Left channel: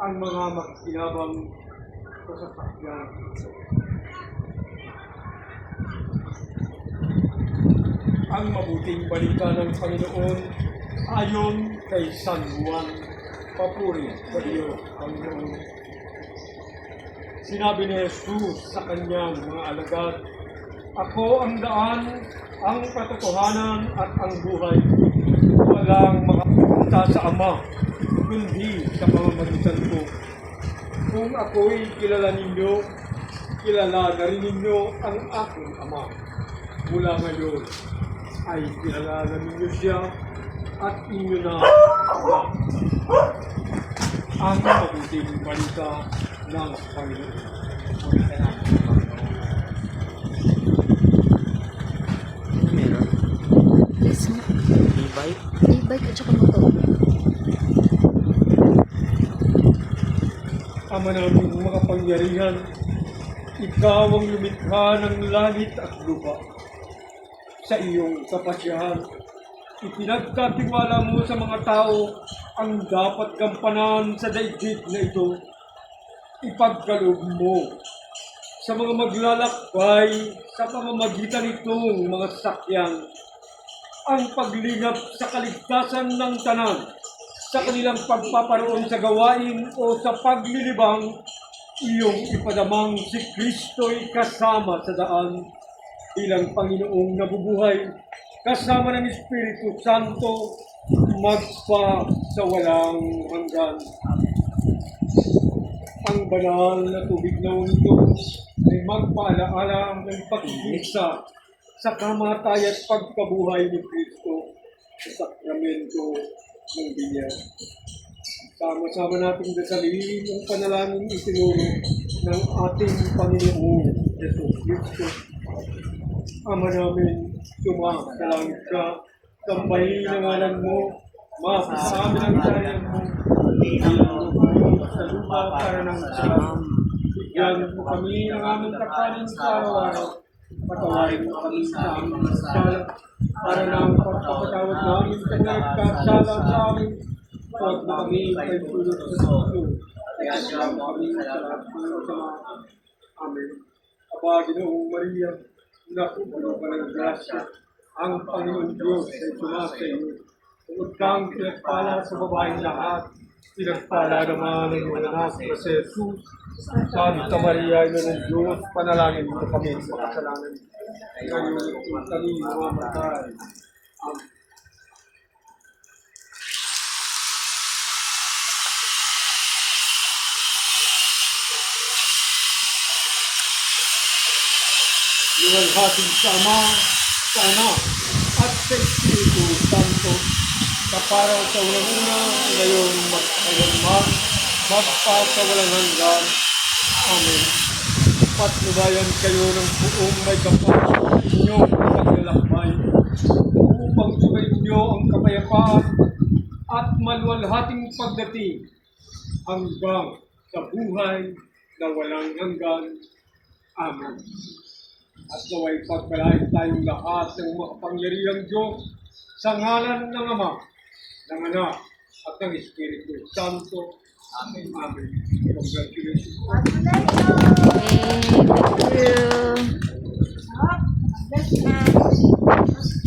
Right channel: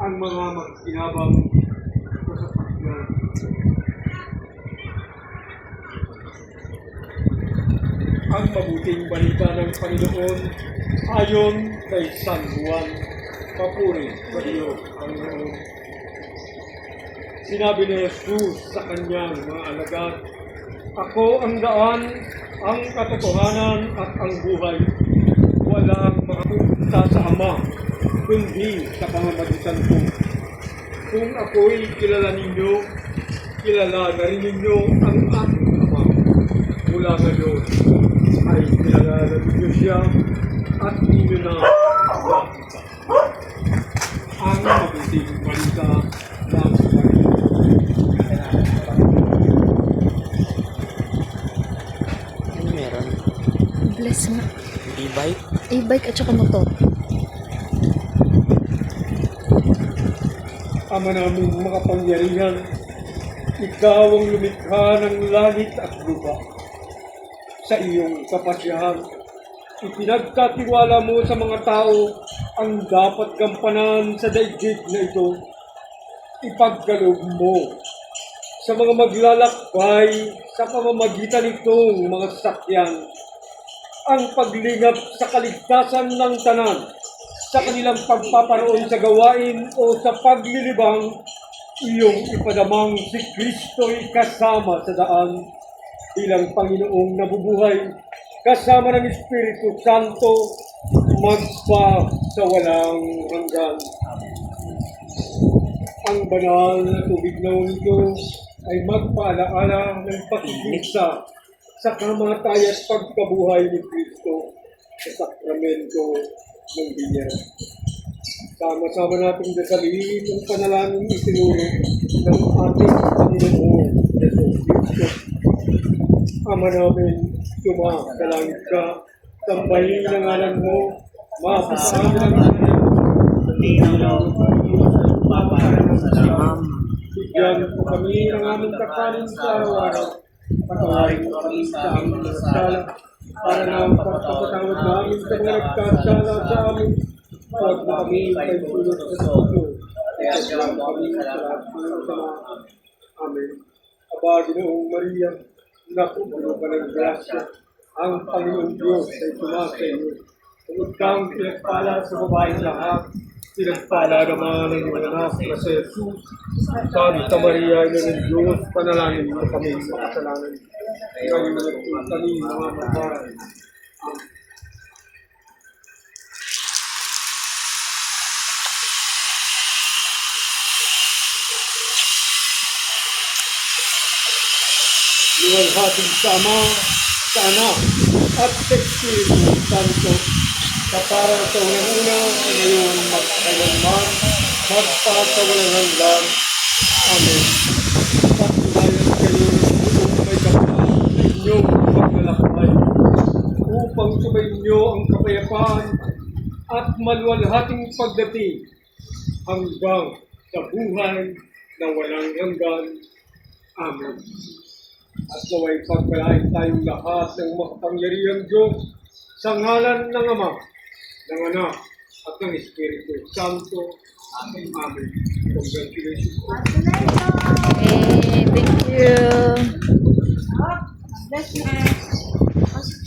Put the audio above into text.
ang mga magkinabang sa sakyan. Ang mabuting balita ng Panginoon ayon kay San Juan. Papuri sa Diyos ang Panginoon. Sinabi ni Jesus sa kanyang mga alagad, "Ako ang daan, ang katotohanan at ang buhay. Walang makapupunta sa Ama, kundi sa pamamagitan ko. Kung ako'y kilala ninyo, kilala na rin ninyo ang aking Ama. Mula ngayon ay kilala na ninyo siya at ninyo na Ama." Ang mabuting balita ng Panginoon. Ano meron? Bless nga. E-bike? E-bike at saka motor. Ama naming makapangyarihan, ikaw ang lumikha ng langit at lupa. Sa iyong kapasyahan, ipinagkatiwala mo sa mga tao ang dapat gampanan sa daigdig na ito. Ipagkaloob mo sa mga maglalakbay sa pamamagitan nitong mga sasakyan ang paglingap sa kaligtasan ng tanan sa kanilang pagpaparoon sa gawain o sa paglilibang. Iyong ipadamang si Kristo'y kasama sa daan bilang Panginoong nabubuhay kasama ng Espiritu Santo magpa sa walang hanggan. Ang banal na tubig na ito ay magpaalaala ng pagkikita sa kamatay at pagkabuhay ni Kristo sa sakramento ng binyag. Sama-sama nating dasalin ang panalangin itinuro ng ating Panginoon Jesus Kristo. Ama namin, sumasalangit ka, sambahin ang ngalan mo, mapasaamin ang ngalan mo, bigyan mo kami ng aming kakanin sa araw-araw. Patawarin mo kami sa aming nasala, para na ang pagpapatawad namin sa mga nagkasala sa amin. Huwag mo kami ay tulog sa puso, kaya siyang kami sa lahat ng sama. Amen. Aba, Ginoong Maria, nakupuno ka ng grasya, ang Panginoon Diyos ay sumasa iyo. Huwag kang pinagpala sa babaeng lahat, pinagpala naman ang iyong anak na si Jesus. Santa Maria, ina ng Diyos, panalangin mo kami sa kasalanan. Ngayon at kami mamamatay. Amen. Iwalhati sa Ama, sa Anak, at sa Espiritu Santo, sa para sa unang-una, ngayon, magkailanman, magpasawalang hanggan. Amen. Patunayan kayo ng buong may kapatid sa inyong paglalakbay, upang sumainyo ang kapayapaan at maluwalhating pagdating hanggang sa buhay na walang hanggan. Amen. At naway pagpalain tayong lahat ng makapangyarihang Diyos sa ngalan ng Ama, ng Anak, at ng Espiritu Santo. Amen. Amen. Congratulations. Thank you.